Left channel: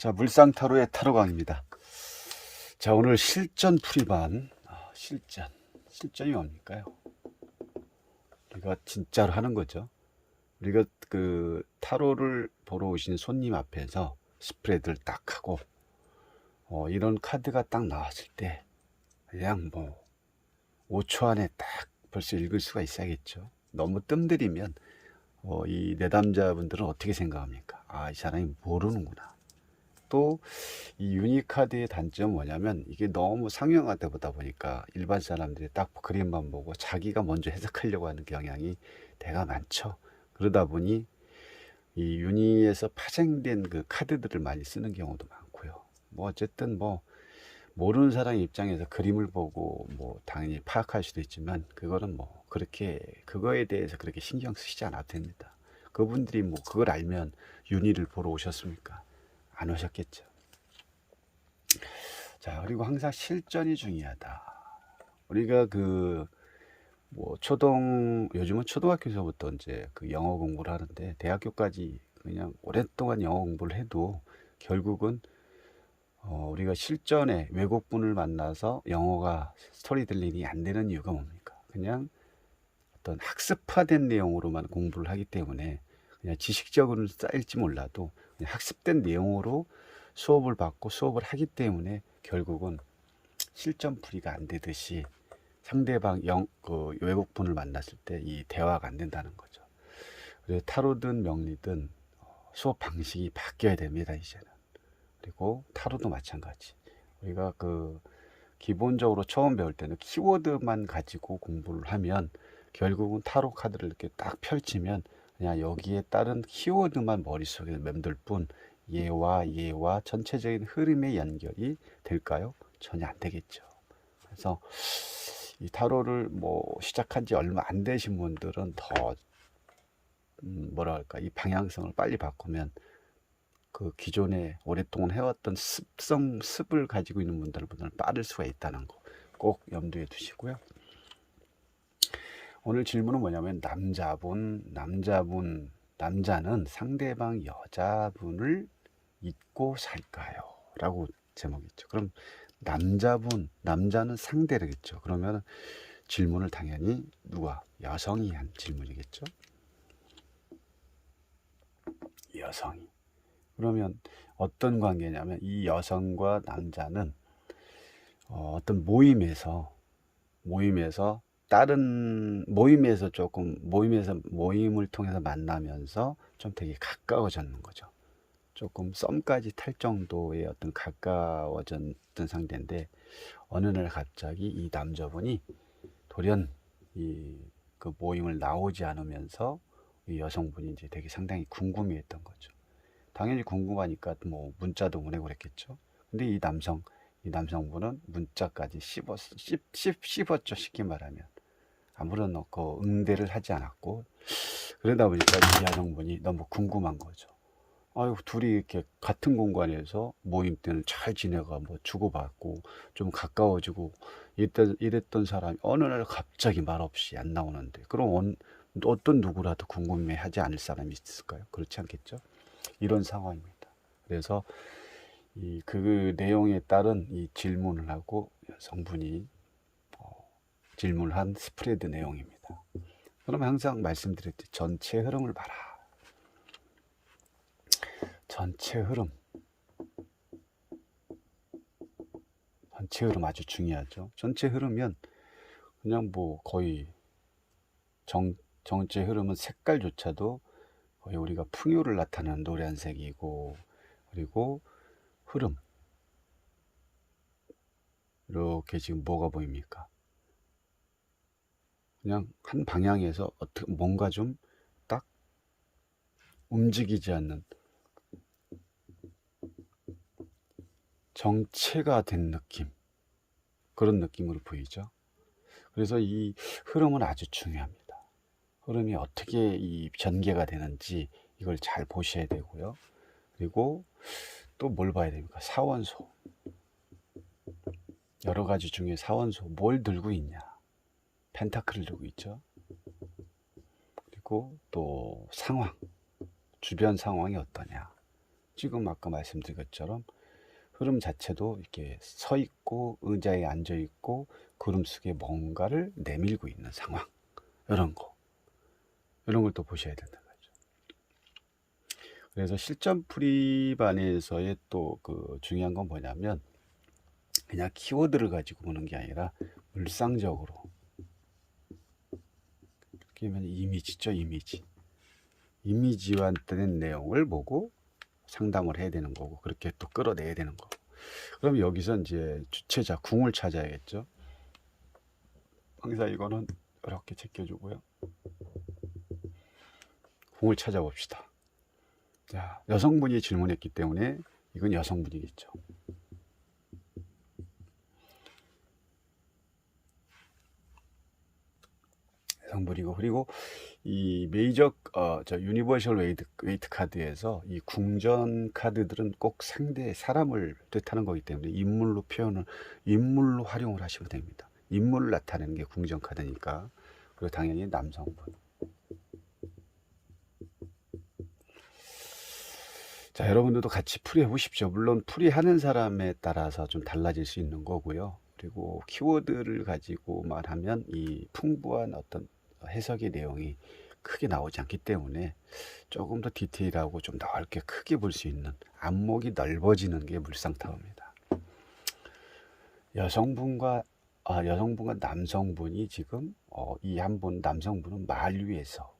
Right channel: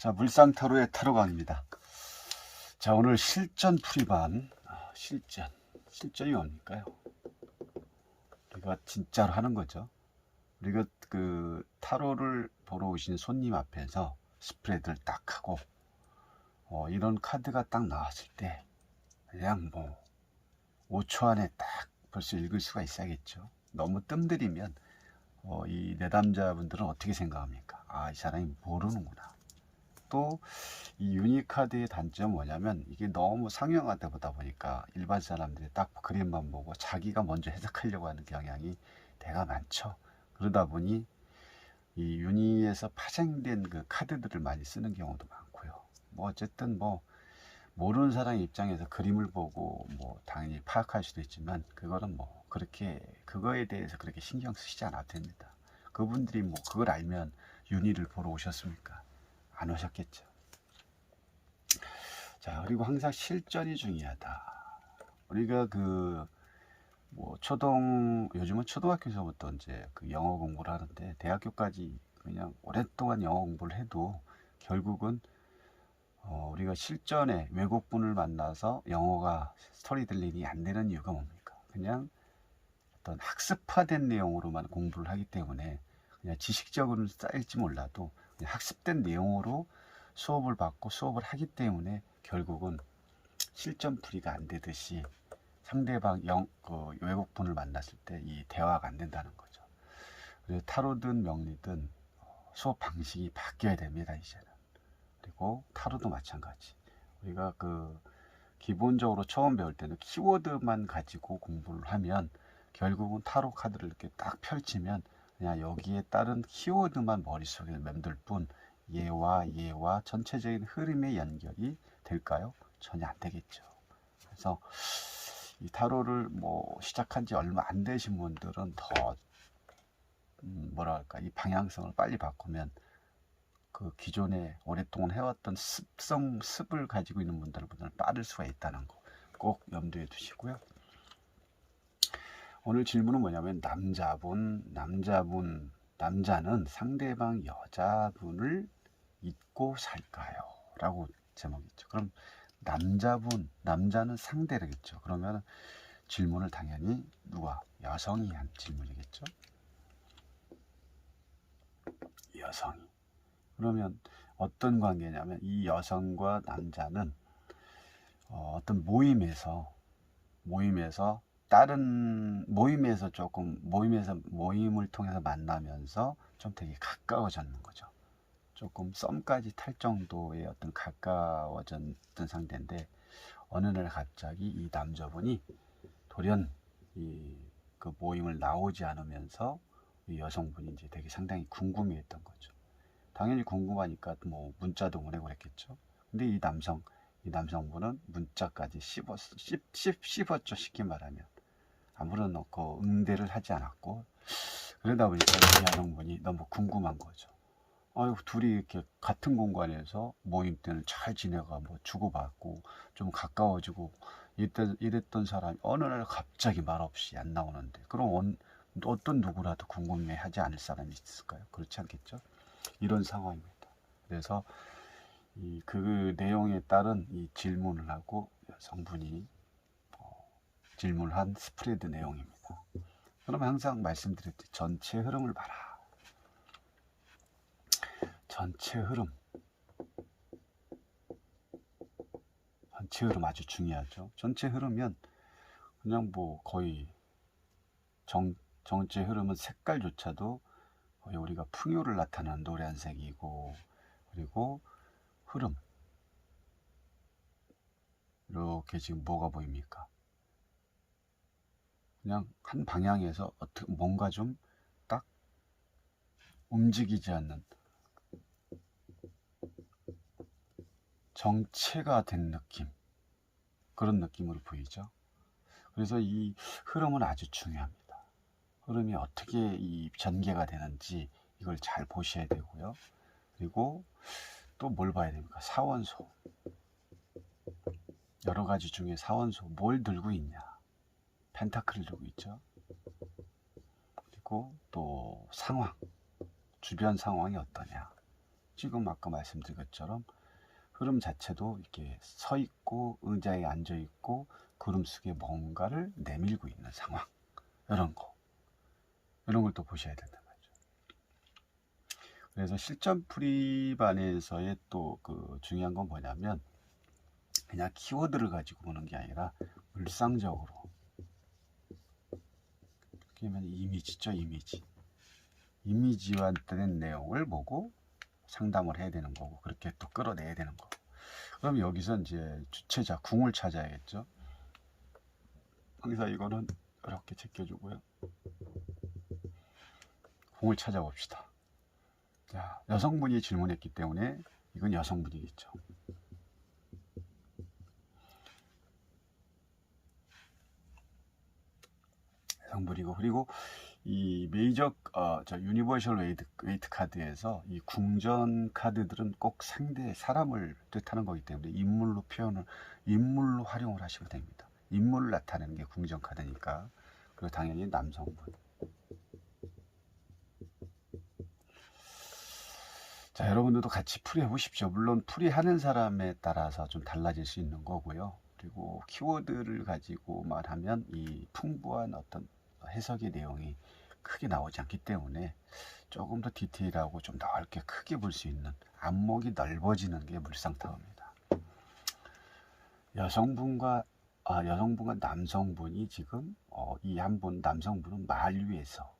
자, 물상타로의 타로강입니다. 자, 오늘 실전 풀이반. 실전이 뭡니까요? 우리가 진짜로 하는 거죠. 우리가 그 타로를 보러 오신 손님 앞에서 스프레드를 딱 하고 이런 카드가 딱 나왔을 때 그냥 뭐 5초 안에 딱 벌써 읽을 수가 있어야겠죠. 너무 뜸들이면 이 내담자분들은 어떻게 생각합니까? 아, 이 사람이 모르는구나. 또 이 유니카드의 단점은 뭐냐면 이게 너무 상용화되다 보니까 일반 사람들이 딱 그림만 보고 자기가 먼저 해석하려고 하는 경향이 대가 많죠. 그러다 보니 이 유니에서 파생된 그 카드들을 많이 쓰는 경우도 많고요. 뭐 어쨌든 뭐 모르는 사람 입장에서 그림을 보고 뭐 당연히 파악할 수도 있지만 그거는 뭐 그렇게 그거에 대해서 그렇게 신경 쓰시지 않아도 됩니다. 그분들이 뭐 그걸 알면 유니를 보러 오셨습니까? 안 오셨겠죠. 자, 그리고 항상 실전이 중요하다. 우리가 뭐 요즘은 초등학교에서부터 이제 그 영어 공부를 하는데 대학교까지 그냥 오랫동안 영어 공부를 해도 결국은 우리가 실전에 외국분을 만나서 영어가 스토리텔링이 안 되는 이유가 뭡니까? 그냥 어떤 학습화된 내용으로만 공부를 하기 때문에 그냥 지식적으로는 쌓일지 몰라도 그냥 학습된 내용으로 수업을 받고 수업을 하기 때문에 결국은 실전풀이가 안 되듯이 상대방 외국분을 만났을 때 이 대화가 안 된다는 거죠. 그래서 타로든 명리든 수업 방식이 바뀌어야 됩니다, 이제는. 그리고 타로도 마찬가지. 우리가 기본적으로 처음 배울 때는 키워드만 가지고 공부를 하면 결국은 타로 카드를 이렇게 딱 펼치면 그냥 여기에 따른 키워드만 머릿속에 맴돌 뿐 얘와 전체적인 흐름의 연결이 될까요? 전혀 안 되겠죠. 그래서 이 타로를 뭐 시작한 지 얼마 안 되신 분들은 더 뭐랄까 이 방향성을 빨리 바꾸면 그 기존에 오랫동안 해왔던 습을 가지고 있는 분들보다는 빠를 수가 있다는 거 꼭 염두에 두시고요. 오늘 질문은 뭐냐면 남자는 상대방 여자분을 잊고 살까요? 라고 제목이죠. 그럼 남자는 상대겠죠. 그러면 질문을 당연히 여성이 한 질문이겠죠. 여성이. 그러면 어떤 관계냐면 이 여성과 남자는 어떤 모임에서 모임을 통해서 만나면서 좀 되게 가까워졌는 거죠. 조금 썸까지 탈 정도의 어떤 가까워졌던 상태인데 어느 날 갑자기 이 남자분이 돌연 그 모임을 나오지 않으면서 이 여성분이 이제 되게 상당히 궁금해했던 거죠. 당연히 궁금하니까 뭐 문자도 보내고 그랬겠죠. 근데 이 남성분은 문자까지 씹었죠. 쉽게 말하면 아무런 응대를 하지 않았고, 그러다 보니까 이 여성분이 너무 궁금한 거죠. 아유, 둘이 이렇게 같은 공간에서 모임 때는 잘 지내가 뭐 주고받고 좀 가까워지고 이랬던 사람이 어느 날 갑자기 말없이 안 나오는데 그럼 어떤 누구라도 궁금해하지 않을 사람이 있을까요? 그렇지 않겠죠? 이런 상황입니다. 그래서 그 내용에 따른 이 질문을 하고 여성분이 질문을 한 스프레드 내용입니다. 그럼 항상 말씀드렸듯이 전체 흐름을 봐라. 전체 흐름 아주 중요하죠. 전체 흐르면 그냥 뭐 거의 전체 흐름은 색깔조차도 거의 우리가 풍요를 나타내는 노란색이고, 그리고 흐름 이렇게 지금 뭐가 보입니까? 그냥 한 방향에서 뭔가 좀 딱 움직이지 않는 정체가 된 느낌, 그런 느낌으로 보이죠. 그래서 이 흐름은 아주 중요합니다. 흐름이 어떻게 이 전개가 되는지 이걸 잘 보셔야 되고요. 그리고 또 뭘 봐야 됩니까? 사원소. 여러 가지 중에 사원소 뭘 들고 있냐? 펜타클을 들고 있죠. 그리고 또 주변 상황이 어떠냐? 지금 아까 말씀드린 것처럼 흐름 자체도 이렇게 서 있고 의자에 앉아 있고 구름 속에 뭔가를 내밀고 있는 상황, 이런 걸 또 보셔야 된다. 그래서 실전 풀이반에서의 또 그 중요한 건 뭐냐면, 그냥 키워드를 가지고 보는 게 아니라 물상적으로, 그러면 이미지죠. 이미지와 된 내용을 보고 상담을 해야 되는 거고, 그렇게 또 끌어내야 되는 거고. 그럼 여기서 이제 주체자 궁을 찾아야겠죠. 항상 이거는 이렇게 제껴주고요. 궁을 찾아봅시다. 자, 여성분이 질문했기 때문에 이건 여성분이겠죠. 여성분이고, 그리고 이 메이저 유니버셜 웨이트 카드에서 이 궁전 카드들은 꼭 상대 사람을 뜻하는 거기 때문에 인물로 활용을 하시면 됩니다. 인물을 나타내는 게 궁전 카드니까. 그리고 당연히 남성분. 자, 여러분들도 같이 풀이해 보십시오. 물론 풀이하는 사람에 따라서 좀 달라질 수 있는 거고요. 그리고 키워드를 가지고만 하면 이 풍부한 어떤 해석의 내용이 크게 나오지 않기 때문에 조금 더 디테일하고 좀 넓게 크게 볼 수 있는, 안목이 넓어지는 게 물상타로입니다. 여성분과 남성분이 지금 이 한 분, 남성분은 말 위에서,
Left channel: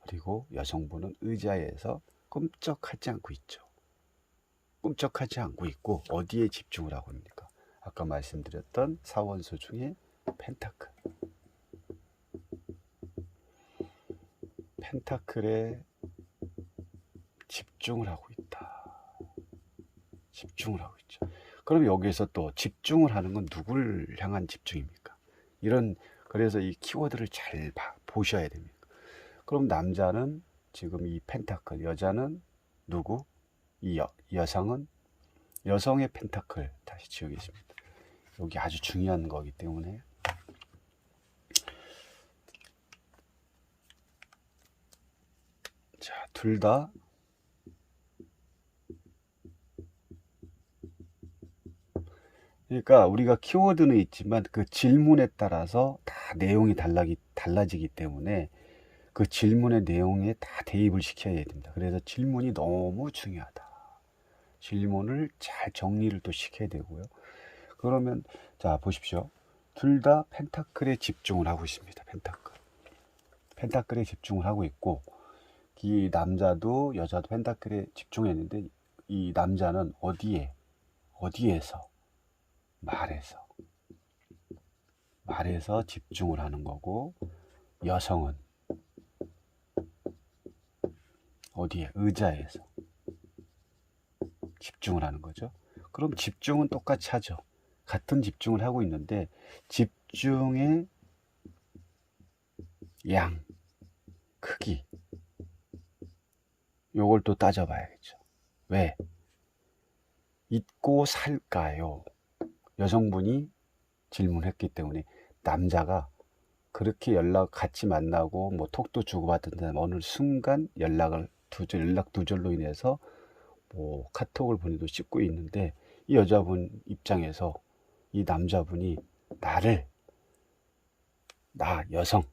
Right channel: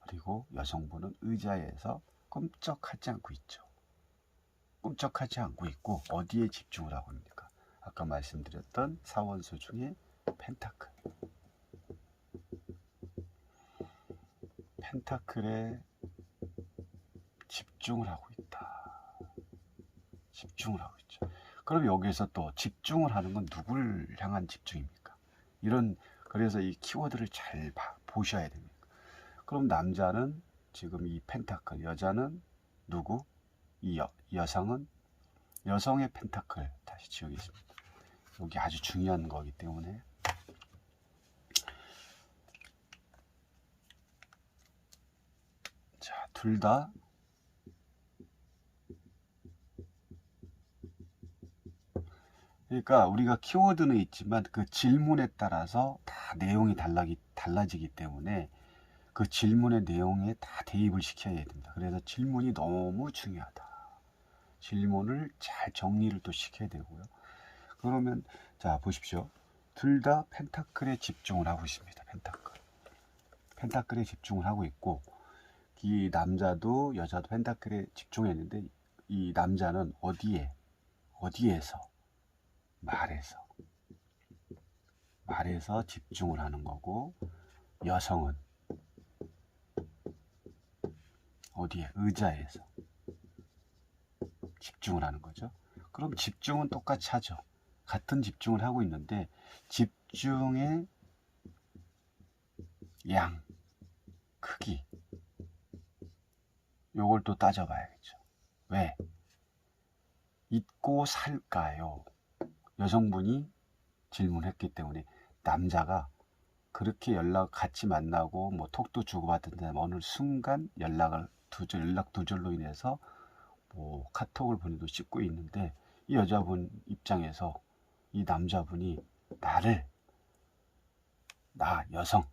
그리고 여성분은 의자에서 꿈쩍하지 않고 있죠. 꿈쩍하지 않고 있고 어디에 집중을 하고 있습니까? 아까 말씀드렸던 사원수 중에 펜타클에 집중을 하고 있다. 집중을 하고 있죠. 그럼 여기서 또 집중을 하는 건 누구를 향한 집중입니까? 그래서 이 키워드를 잘 보셔야 됩니다. 그럼 남자는 지금 이 펜타클, 여자는 누구? 여성은 여성의 펜타클 다시 지우겠습니다. 여기 아주 중요한 거기 때문에. 자, 둘 다 그러니까 우리가 키워드는 있지만 그 질문에 따라서 다 내용이 달라지기 때문에 그 질문의 내용에 다 대입을 시켜야 됩니다. 그래서 질문이 너무 중요하다. 질문을 잘 정리를 또 시켜야 되고요. 그러면 자, 보십시오. 둘 다 펜타클에 집중을 하고 있습니다. 펜타클에 집중을 하고 있고, 이 남자도 여자도 펜타클에 집중했는데, 이 남자는 어디에서 말에서 집중을 하는 거고, 여성은 어디에? 의자에서 집중을 하는 거죠. 그럼 집중은 똑같이 하죠. 같은 집중을 하고 있는데 집중의 양, 크기, 요걸 또 따져봐야겠죠. 왜? 잊고 살까요? 여성분이 질문했기 때문에. 남자가 그렇게 같이 만나고 뭐 톡도 주고받던 어느 순간 연락 두절로 인해서 뭐 카톡을 보내도 씹고 있는데, 이 여자분 입장에서 이 남자분이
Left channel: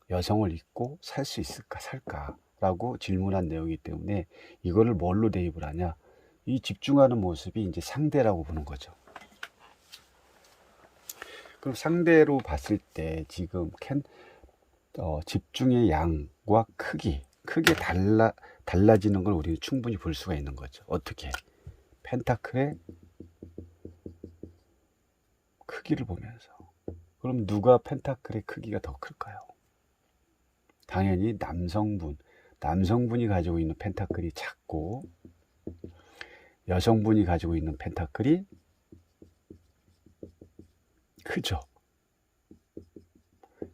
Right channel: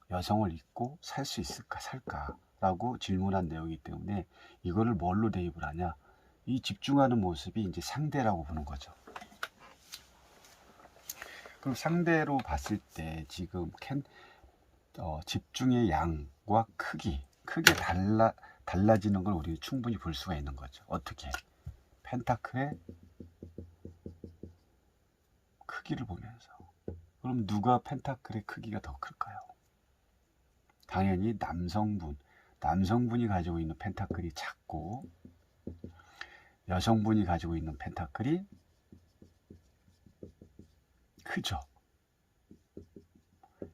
여성을 잊고 살 수 있을까, 살까라고 질문한 내용이기 때문에 이거를 뭘로 대입을 하냐? 이 집중하는 모습이 이제 상대라고 보는 거죠. 그럼 상대로 봤을 때 지금 집중의 양과 크게 달라지는 걸 우리는 충분히 볼 수가 있는 거죠. 어떻게? 펜타클의 크기를 보면서. 그럼 누가 펜타클의 크기가 더 클까요? 당연히 남성분이 가지고 있는 펜타클이 작고, 여성분이 가지고 있는 펜타클이 크죠.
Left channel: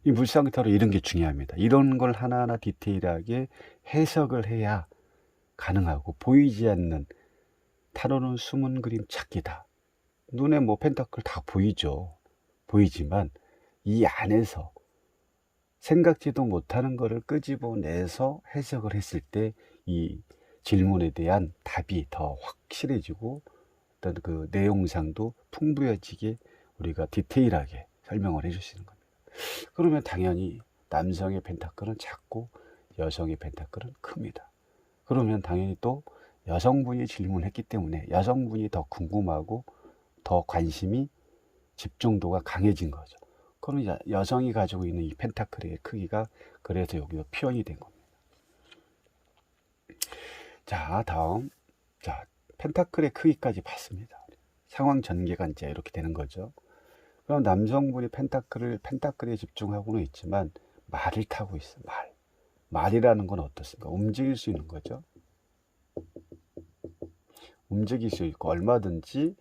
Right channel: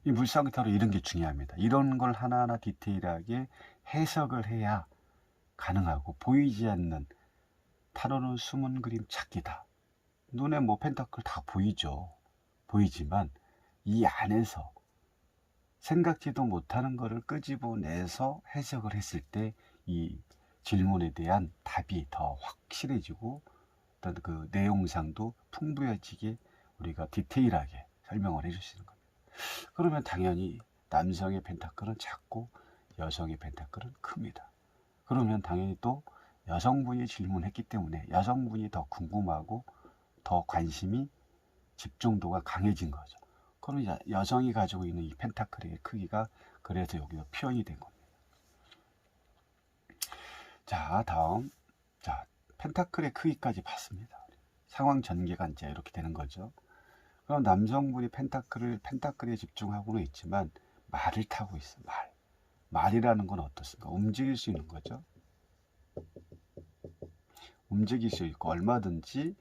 이 물상타로 이런 게 중요합니다. 이런 걸 하나하나 디테일하게 해석을 해야 가능하고, 보이지 않는 타로는 숨은 그림 찾기다. 눈에 뭐 펜타클 다 보이지만 이 안에서 생각지도 못하는 거를 끄집어내서 해석을 했을 때 이 질문에 대한 답이 더 확실해지고 어떤 그 내용상도 풍부해지게 우리가 디테일하게 설명을 해줄 수 있는 겁니다. 그러면 당연히 남성의 펜타클은 작고 여성의 펜타클은 큽니다. 그러면 당연히 또 여성분이 질문했기 때문에 여성분이 더 궁금하고 더 관심이 집중도가 강해진 거죠. 그러면 여성이 가지고 있는 이 펜타클의 크기가 그래서 여기서 표현이 된 겁니다. 자, 다음. 자, 펜타클의 크기까지 봤습니다. 상황 전개가 이제 이렇게 되는 거죠. 그럼 남성분이 펜타클에 집중하고는 있지만 말을 타고 있어. 말이라는 건 어떻습니까? 움직일 수 있는 거죠. 움직일 수 있고 얼마든지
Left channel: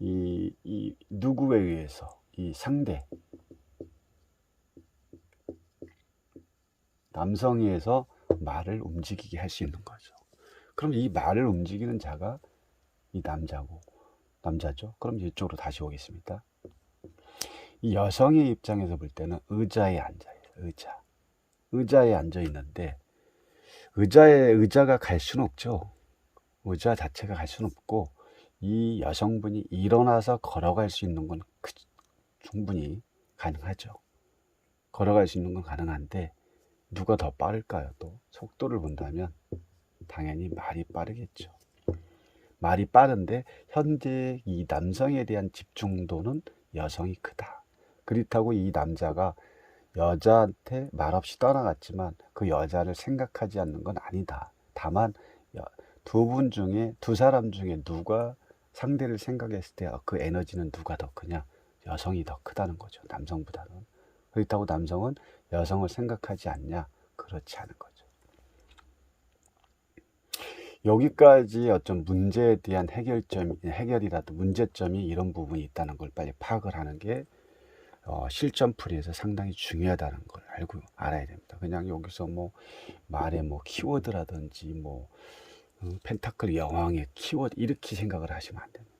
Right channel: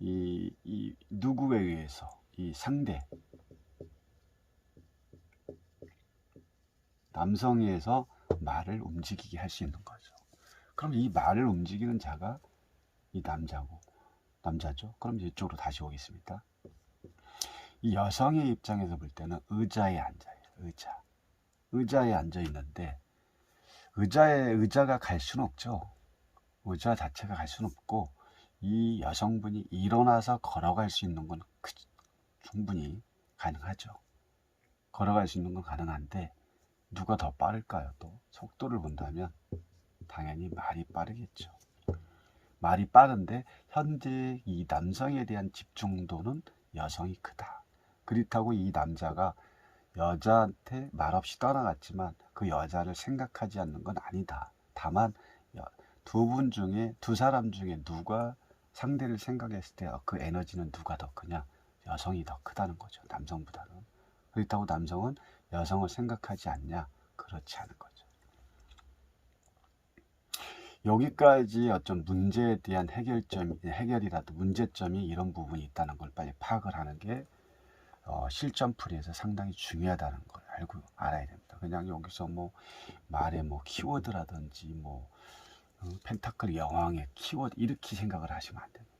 이 누구에 의해서 이 상대 남성에 의해서 말을 움직이게 할 수 있는 거죠. 그럼 이 말을 움직이는 자가 이 남자죠. 그럼 이쪽으로 다시 오겠습니다. 이 여성의 입장에서 볼 때는 의자에 앉아요. 의자에 앉아 있는데 의자가 갈 수는 없죠. 의자 자체가 갈 수는 없고 이 여성분이 일어나서 걸어갈 수 있는 건 충분히 가능하죠. 걸어갈 수 있는 건 가능한데 누가 더 빠를까요? 또 속도를 본다면 당연히 말이 빠르겠죠. 말이 빠른데 현재 이 남성에 대한 집중도는 여성이 크다. 그렇다고 이 남자가 여자한테 말없이 떠나갔지만 그 여자를 생각하지 않는 건 아니다. 다만 두 사람 중에 누가 상대를 생각했을 때 그 에너지는 누가 더 크냐? 여성이 더 크다는 거죠. 남성보다는. 그렇다고 남성은 여성을 생각하지 않냐? 그렇지 않은 거죠. 여기까지 어떤 문제에 대한 해결이라도 문제점이 이런 부분이 있다는 걸 빨리 파악을 하는 게 실전풀이에서 상당히 중요하다는 걸 알아야 됩니다. 그냥 여기서 뭐 말의 뭐 키워드라든지 뭐 펜타클 여왕의 키워드 이렇게 생각을 하시면 안 됩니다.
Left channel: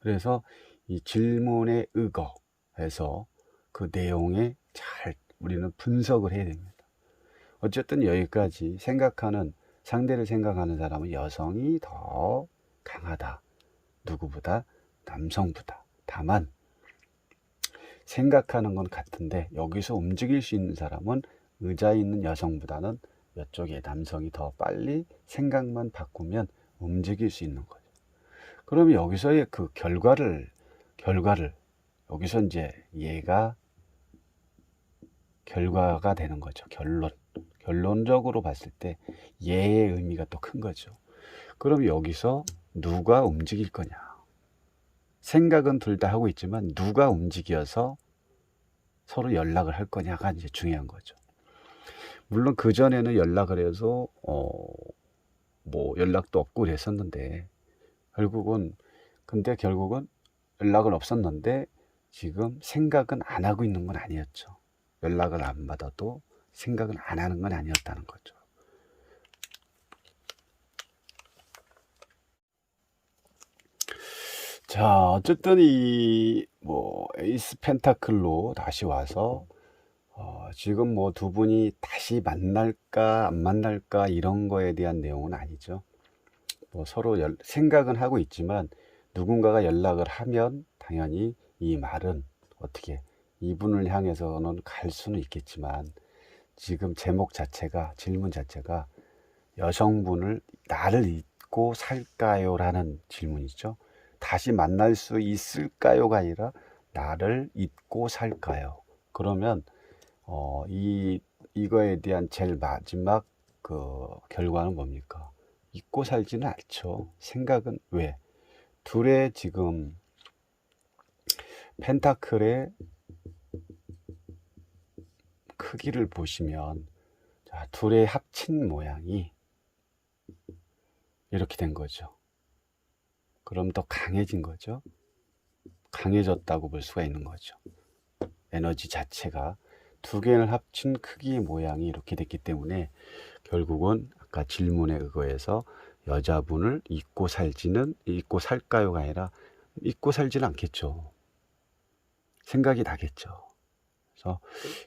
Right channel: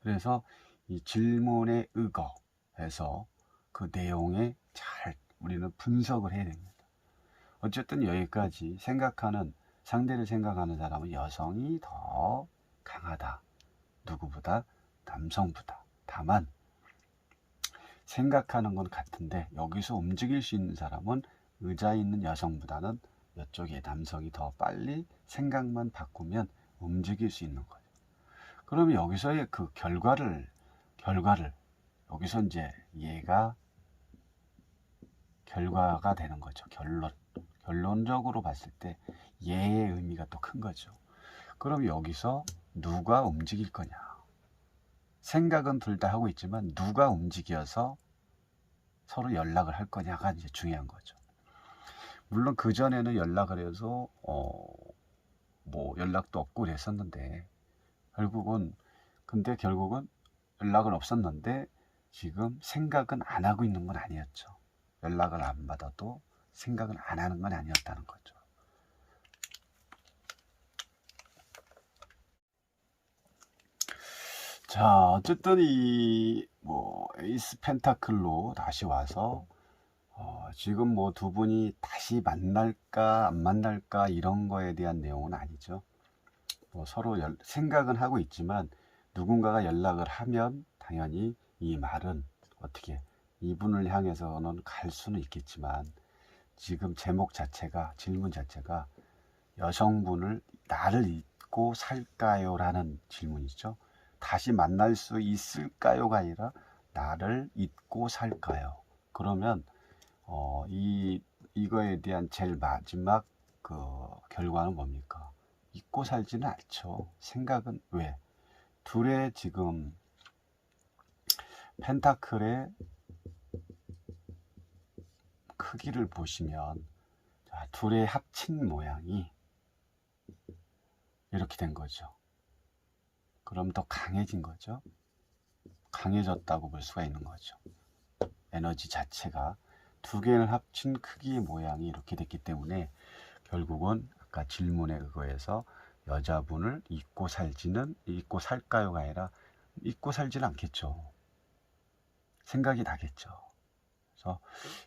그래서 이 질문의 의거에서 그 내용에 잘 우리는 분석을 해야 됩니다. 어쨌든 여기까지 상대를 생각하는 사람은 여성이 더 강하다. 누구보다 남성보다. 다만 생각하는 건 같은데 여기서 움직일 수 있는 사람은 의자에 있는 여성보다는 이쪽에 남성이 더 빨리 생각만 바꾸면 움직일 수 있는 거죠. 그러면 여기서의 그 결과를 여기서 이제 얘가 결과가 되는 거죠. 결론적으로 봤을 때 얘의 의미가 또 큰 거죠. 그럼 여기서 누가 움직일 거냐? 생각은 둘 다 하고 있지만 누가 움직여서 서로 연락을 할 거냐가 이제 중요한 거죠. 물론 그 전에는 연락을 해서 뭐 연락도 없고 그랬었는데 결국은 연락은 없었는데 지금 생각은 안 하고 있는 건 아니었죠. 연락을 안 받아도 생각은 안 하는 건 아니었다는 거죠. 자, 어쨌든 이 뭐 에이스 펜타클로 다시 와서 지금 뭐 두 분이 다시 만날까 안 만날까 이런 거에 대한 내용은 아니죠. 뭐 서로 생각은 하고 있지만 누군가가 연락을 하면 당연히 이 말은 어떻게 이분을 향해서는 갈 수는 있겠지만 지금 질문 자체가 여성분을 나를 잊고 살까요? 라는 질문이죠. 다시 만날 수 있을까요가 아니라 나를 잊고 살까요? 그러면 이거에 대한 제일 마지막 그 결과는 뭡니까? 잊고 살지는 않죠. 생각은 왜? 둘의 지금 펜타클의 크기를 보시면 둘의 합친 모양이 이렇게 된 거죠. 그럼 더 강해진 거죠. 강해졌다고 볼 수가 있는 거죠. 에너지 자체가 두 개를 합친 크기의 모양이 이렇게 됐기 때문에 결국은 아까 질문에 의거해서 여자분을 잊고 살까요가 아니라 잊고 살지는 않겠죠. 생각이 나겠죠. 그래서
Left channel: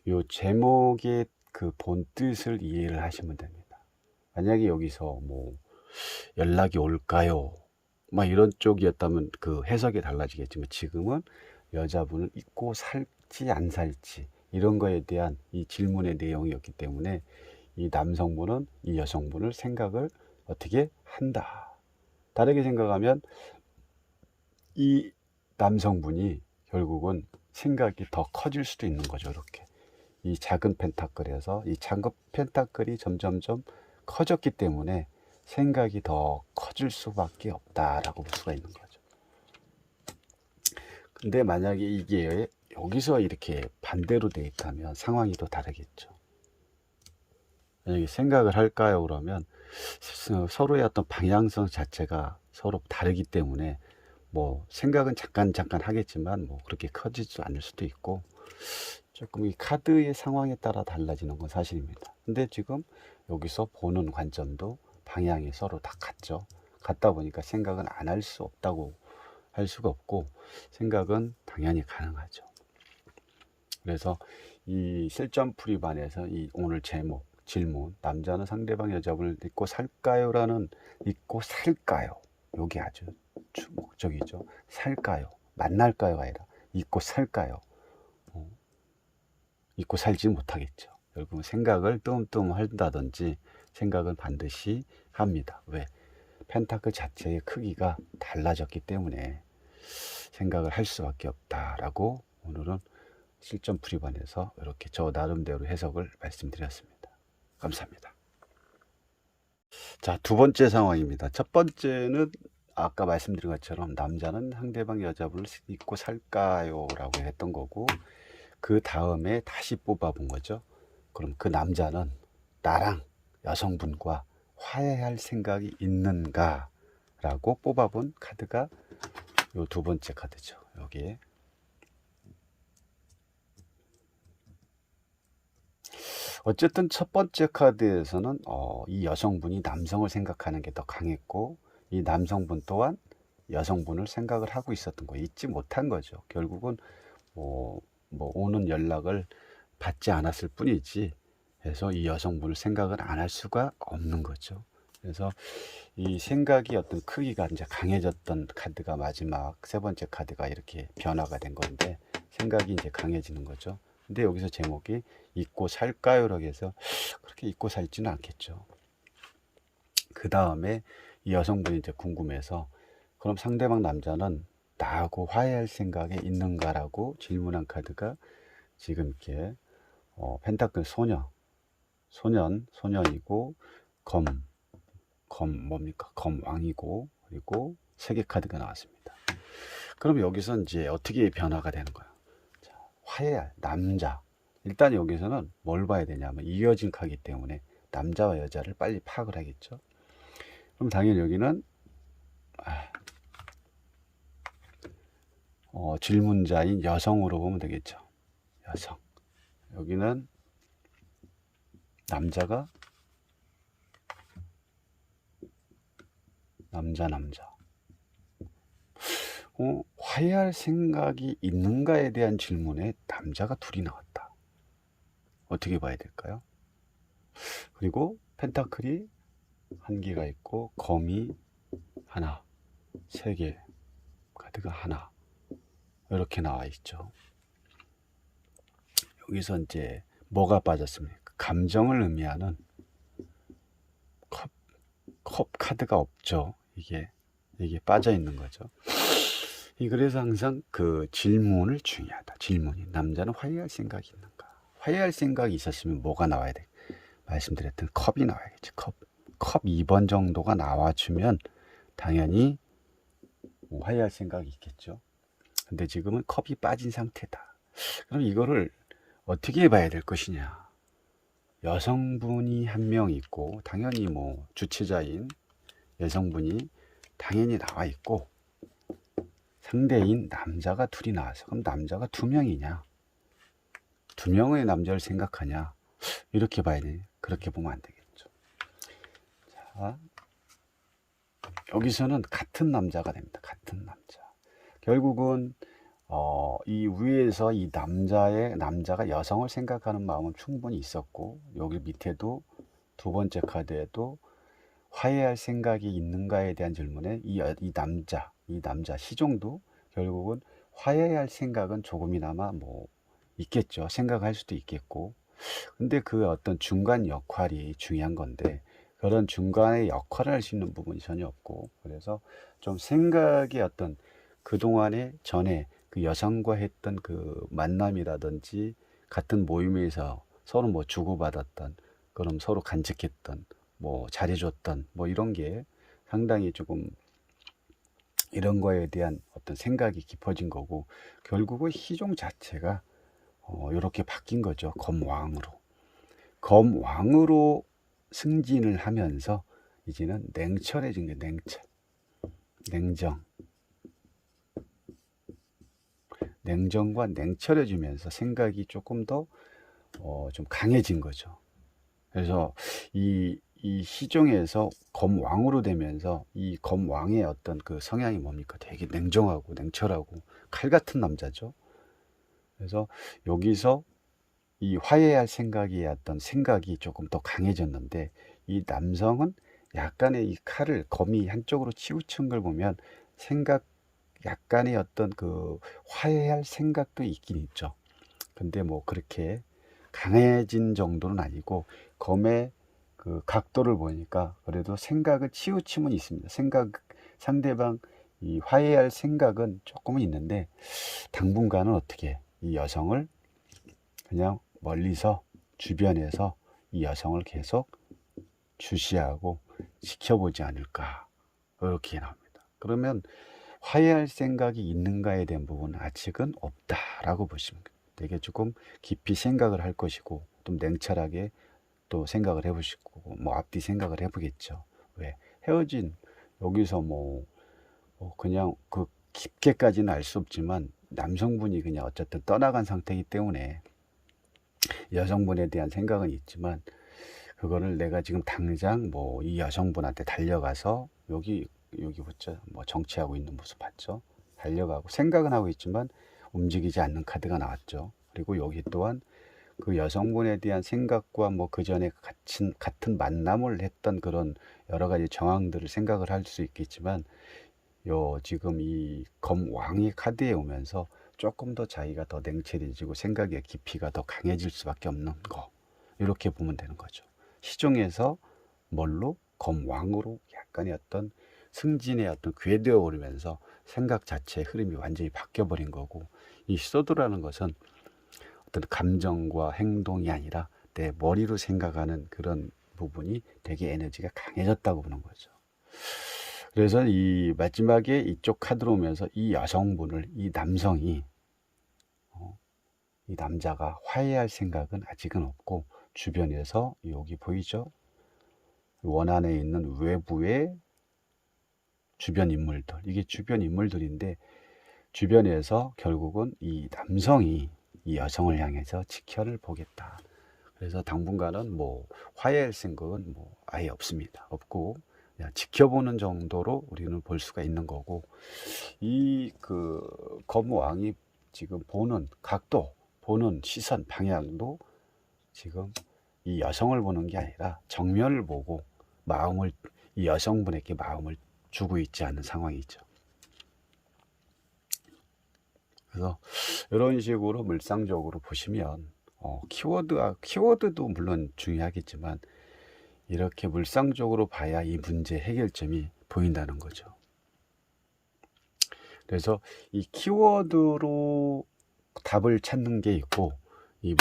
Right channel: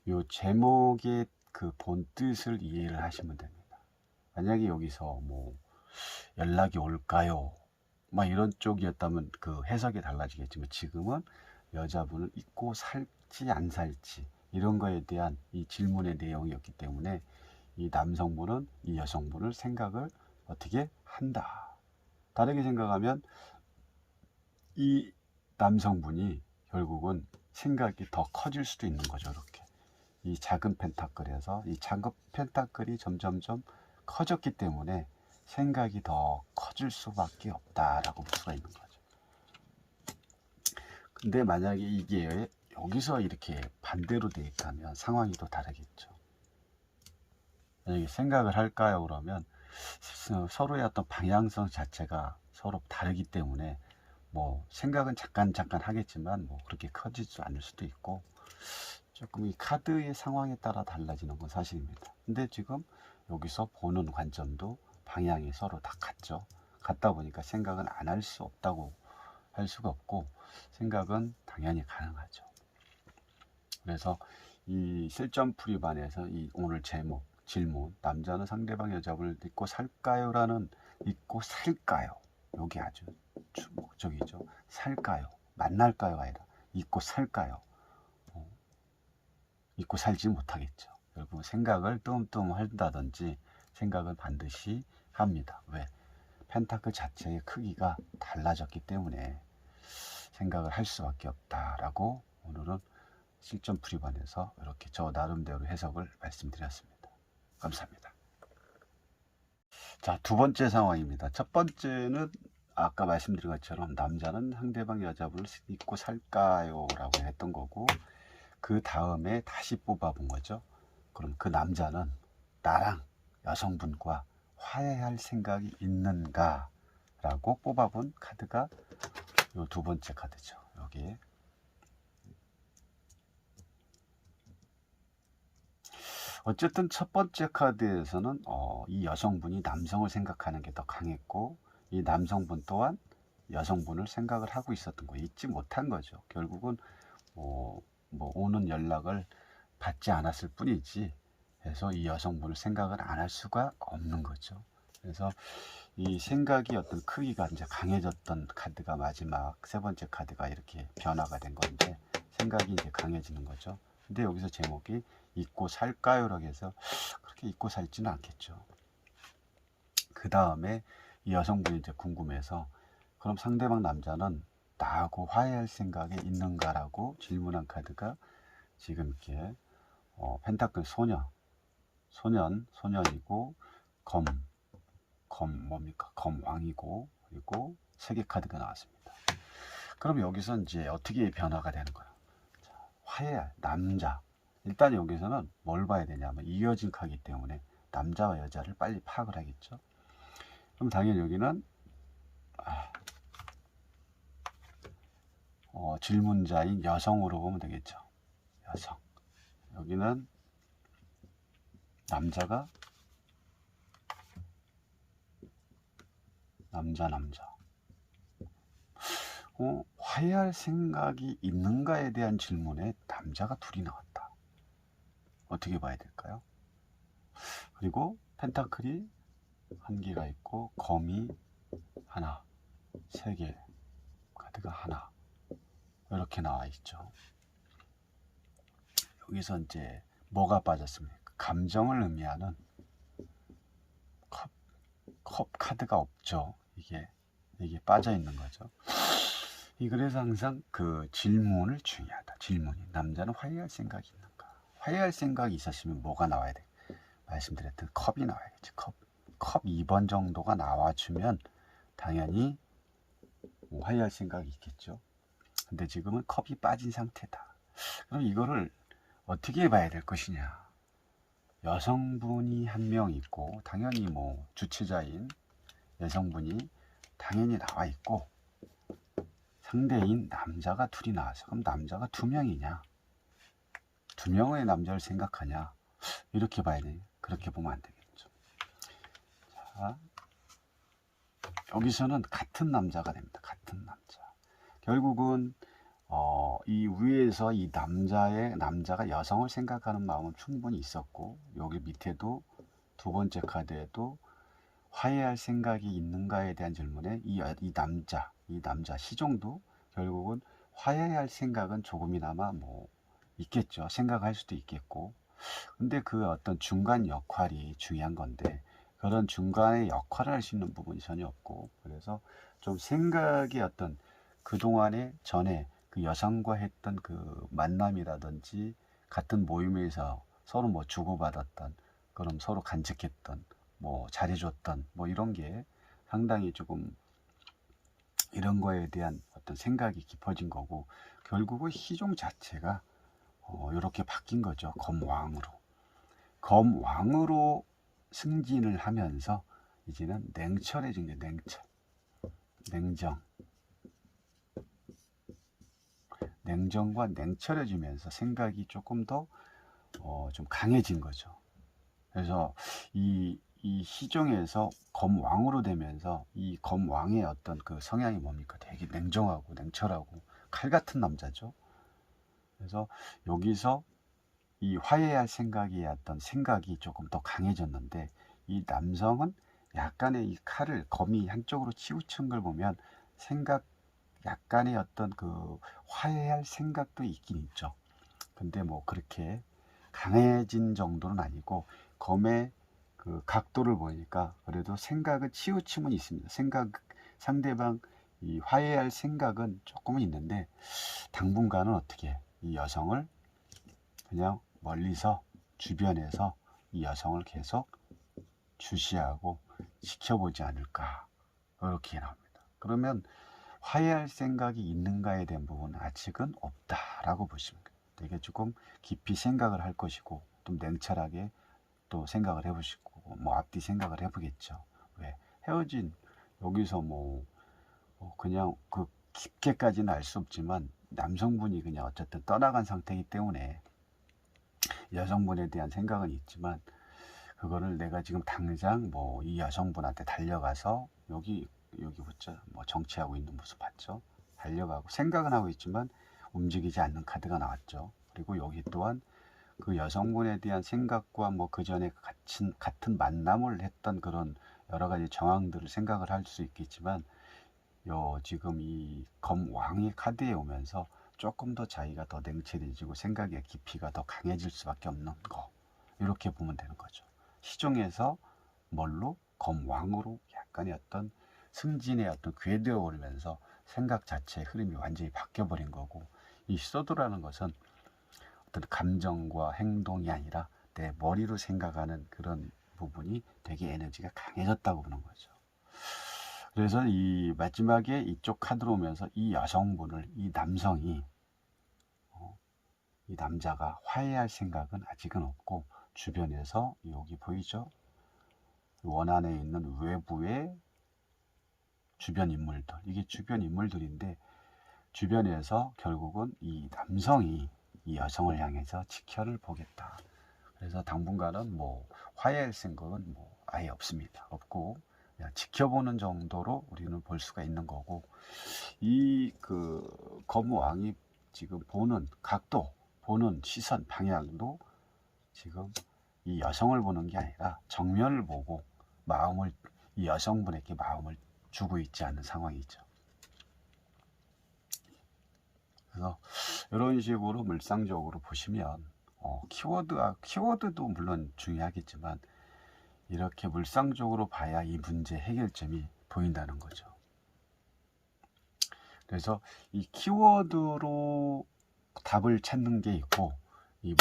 이 제목의 그 본 뜻을 이해를 하시면 됩니다. 만약에 여기서 뭐 연락이 올까요? 막 이런 쪽이었다면 그 해석이 달라지겠지만 지금은 여자분을 잊고 살지 안 살지 이런 거에 대한 이 질문의 내용이었기 때문에 이 남성분은 이 여성분을 생각을 어떻게 한다. 다르게 생각하면 이 남성분이 결국은 생각이 더 커질 수도 있는 거죠. 이렇게 이 작은 펜타클에서 이 작은 펜타클이 점점점 커졌기 때문에 생각이 더 커질 수밖에 없다라고 볼 수가 있는 거죠. 근데 만약에 이게 여기서 이렇게 반대로 돼 있다면 상황이 또 다르겠죠. 만약에 생각을 할까요? 그러면 서로의 어떤 방향성 자체가 서로 다르기 때문에 뭐 생각은 잠깐 하겠지만 뭐 그렇게 커지지 않을 수도 있고 조금 이 카드의 상황에 따라 달라지는 건 사실입니다. 근데 지금 여기서 보는 관점도 방향이 서로 다 같죠. 같다 보니까 생각은 안 할 수 없다고 할 수가 없고 생각은 당연히 가능하죠. 그래서 이 실전풀이반에서 이 오늘 제목 질문 남자는 상대방 여자분을 잊고 살까요? 라는 잊고 살까요? 요게 아주 목적이죠. 살까요? 만날까요? 아니라 잊고 살까요? 잊고 살지 못하겠죠. 결국은 생각을 뜸뜸 한다든지 생각은 반드시 합니다. 왜? 펜타클 자체의 크기가 달라졌기 때문에 생각을 할 수밖에 없다라고 오늘은 실전 풀이반에서 이렇게 저 나름대로 해석을 말씀드렸습니다. 감사합니다. 자, 두 번째 상황입니다. 첫 번째는 아까 말씀드린 것처럼 남자는 상대방 여자분을 잊고 살까요? 라고 했던 거고 그 다음에 다시 뽑아본 거죠. 그럼 그 남자는 나랑 여성분과 화해할 생각이 있는가? 라고 뽑아본 카드가 요 두 번째 카드죠. 여기에. 어쨌든 첫 번째 카드에서는 이 여성분이 남성을 생각하는 게 더 강했고 이 남성분 또한 여성분을 생각을 하고 있었던 거 잊지 못한 거죠. 결국은 뭐 오는 연락을 받지 않았을 뿐이지 해서 이 여성분을 생각을 안 할 수가 없는 거죠. 그래서 이 생각이 어떤 크기가 이제 강해졌던 카드가 마지막 세 번째 카드가 이렇게 변화가 된 건데 생각이 이제 강해지는 거죠. 근데 여기서 제목이 잊고 살까요라고 해서 그렇게 잊고 살지는 않겠죠. 그 다음에 이 여성분이 이제 궁금해서 그럼 상대방 남자는 나하고 화해할 생각이 있는가라고 질문한 카드가 지금 이렇게 펜타클 소년이고 뭡니까? 검왕이고 그리고 세계 카드가 나왔습니다. 그럼 여기서 이제 어떻게 변화가 되는 거야? 자, 화해할 남자. 일단 여기서는 뭘 봐야 되냐면 이어진 카기 때문에 남자와 여자를 빨리 파악을 하겠죠. 그럼 당연히 여기는 질문자인 여성으로 보면 되겠죠. 여성. 여기는 남자가 남자. 화해할 생각이 있는가에 대한 질문에 남자가 둘이 나왔다. 어떻게 봐야 될까요? 그리고 펜타클이 한 개가 있고 검이 하나, 세 개, 카드가 하나 이렇게 나와 있죠. 여기서 이제 뭐가 빠졌습니까? 감정을 의미하는 컵 카드가 없죠. 이게 빠져 있는 거죠. 그래서 항상 그 질문을 중요하다. 질문이 남자는 화해할 생각이 있는가? 화해할 생각이 있었으면 뭐가 나와야 돼? 말씀드렸던 컵이 나와야겠죠. 컵 2번 정도가 나와주면 당연히 화해할 생각이 있겠죠. 근데 지금은 컵이 빠진 상태다. 그럼 이거를 어떻게 봐야 될 것이냐? 여성분이 한 명 있고 당연히 뭐 주체자인 여성분이 당연히 나와 있고 상대인 남자가 둘이 나와서 그럼 남자가 두 명이냐? 두 명의 남자를 생각하냐? 이렇게 봐야 돼. 그렇게 보면 안 되겠죠. 자, 여기서는 같은 남자가 됩니다. 같은 남자. 결국은 이 위에서 이 남자가 여성을 생각하는 마음은 충분히 있었고 여기 밑에도 두 번째 카드에도 화해할 생각이 있는가에 대한 질문에 이 남자 시종도 결국은 화해할 생각은 조금이나마 뭐 있겠죠. 생각할 수도 있겠고. 근데 그 어떤 중간 역할이 중요한 건데 그런 중간의 역할을 할 수 있는 부분이 전혀 없고, 그래서 좀 생각의 어떤 그동안에 전에 그 여성과 했던 그 만남이라든지 같은 모임에서 서로 뭐 주고받았던, 그럼 서로 간직했던, 뭐 잘해줬던 뭐 이런 게 상당히 조금 이런 거에 대한 어떤 생각이 깊어진 거고, 결국은 희종 자체가 이렇게 바뀐 거죠. 검왕으로 승진을 하면서 이제는 냉철해진 게 냉정, 냉정과 냉철해지면서 생각이 조금 더 좀 강해진 거죠. 그래서 이 시종에서 검왕으로 되면서 이 검왕의 어떤 그 성향이 뭡니까? 되게 냉정하고 냉철하고 칼 같은 남자죠. 그래서 여기서 이 화해할 생각이 어떤 생각이 조금 더 강해졌는데, 이 남성은 약간의 이 칼을 검이 한쪽으로 치우친 걸 보면 생각, 약간의 어떤 그 화해할 생각도 있긴 있죠. 근데 뭐 그렇게 강해진 정도는 아니고, 검의 그 각도를 보니까 그래도 생각을 치우침은 있습니다. 상대방 이 화해할 생각은 조금은 있는데, 당분간은 어떻게 이 여성을 그냥 멀리서 주변에서 이 여성을 계속 주시하고 지켜보지 않을까, 이렇게 나옵니다. 그러면 화해할 생각이 있는가에 대한 부분은 아직은 없다라고 보시면 돼요. 되게 조금 깊이 생각을 할 것이고, 좀 냉철하게 또 생각을 해보시고, 뭐 앞뒤 생각을 해보겠죠. 왜 헤어진, 여기서 그냥 그 깊게까지는 알 수 없지만 남성분이 그냥 어쨌든 떠나간 상태이기 때문에 여성분에 대한 생각은 있지만, 그거를 내가 지금 당장 뭐 이 여성분한테 달려가서 여기 붙죠. 뭐 정치하고 있는 모습 봤죠. 달려가고 생각은 하고 있지만 움직이지 않는 카드가 나왔죠. 그리고 여기 또한 그 여성분에 대한 생각과 뭐 그 전에 같은 만남을 했던 그런 여러 가지 정황들을 생각을 할 수 있겠지만, 지금 이 검왕의 카드에 오면서 조금 더 자기가 더 냉철해지고 생각의 깊이가 더 강해질 수밖에 없는 거, 이렇게 보면 되는 거죠. 시종에서 뭘로 검왕으로 약간의 어떤 승진의 어떤 궤도에 오르면서 생각 자체의 흐름이 완전히 바뀌어버린 거고, 이 소드라는 것은 어떤 감정과 행동이 아니라 내 머리로 생각하는 그런 부분이 되게 에너지가 강해졌다고 보는 거죠. 그래서 이 마지막에 이쪽 카드로 오면서 이 여성분을, 이 남성이, 이 남자가 화해할 생각은 아직은 없고, 주변에서 여기 보이죠? 원안에 있는 외부의 주변 인물들, 이게 주변 인물들인데, 주변에서 결국은 이 남성이 이 여성을 향해서 지켜를 보겠다. 그래서 당분간은 뭐 화해할 생각은 뭐 아예 없고, 그냥 지켜보는 정도로 우리는 볼 수가 있는 거고, 이 그 검왕이 지금 보는 각도, 보는 시선, 방향도 지금 이 여성을 보는 게 아니라 정면을 보고 이 여성분에게 마음을 주고 있지 않은 상황이죠. 그래서 이런 식으로 물상적으로 보시면 키워드도 물론 중요하겠지만, 이렇게 물상적으로 봐야 이 문제 해결점이 보인다는 거죠. 그래서 이 키워드로 답을 찾는 게 있고, 이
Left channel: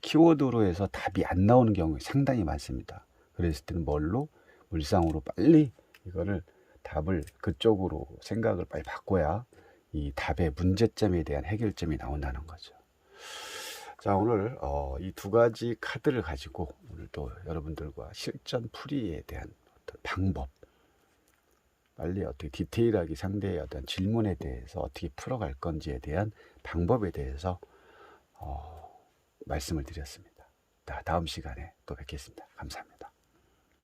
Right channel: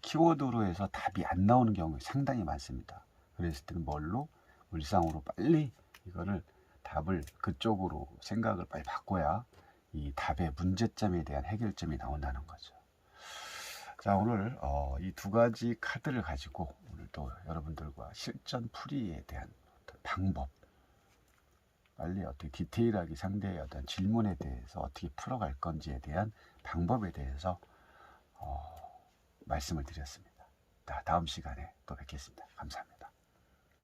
키워드로 해서 답이 안 나오는 경우가 상당히 많습니다. 그랬을 때는 물상으로 빨리 이거를 답을 그쪽으로 생각을 빨리 바꿔야 이 답의 문제점에 대한 해결점이 나온다는 거죠. 자, 오늘 이 두 가지 카드를 가지고 오늘 또 여러분들과 실전 풀이에 대한 방법, 빨리 어떻게 디테일하게 상대의 어떤 질문에 대해서 어떻게 풀어갈 건지에 대한 방법에 대해서 말씀을 드렸습니다. 다음 시간에 또 뵙겠습니다. 감사합니다.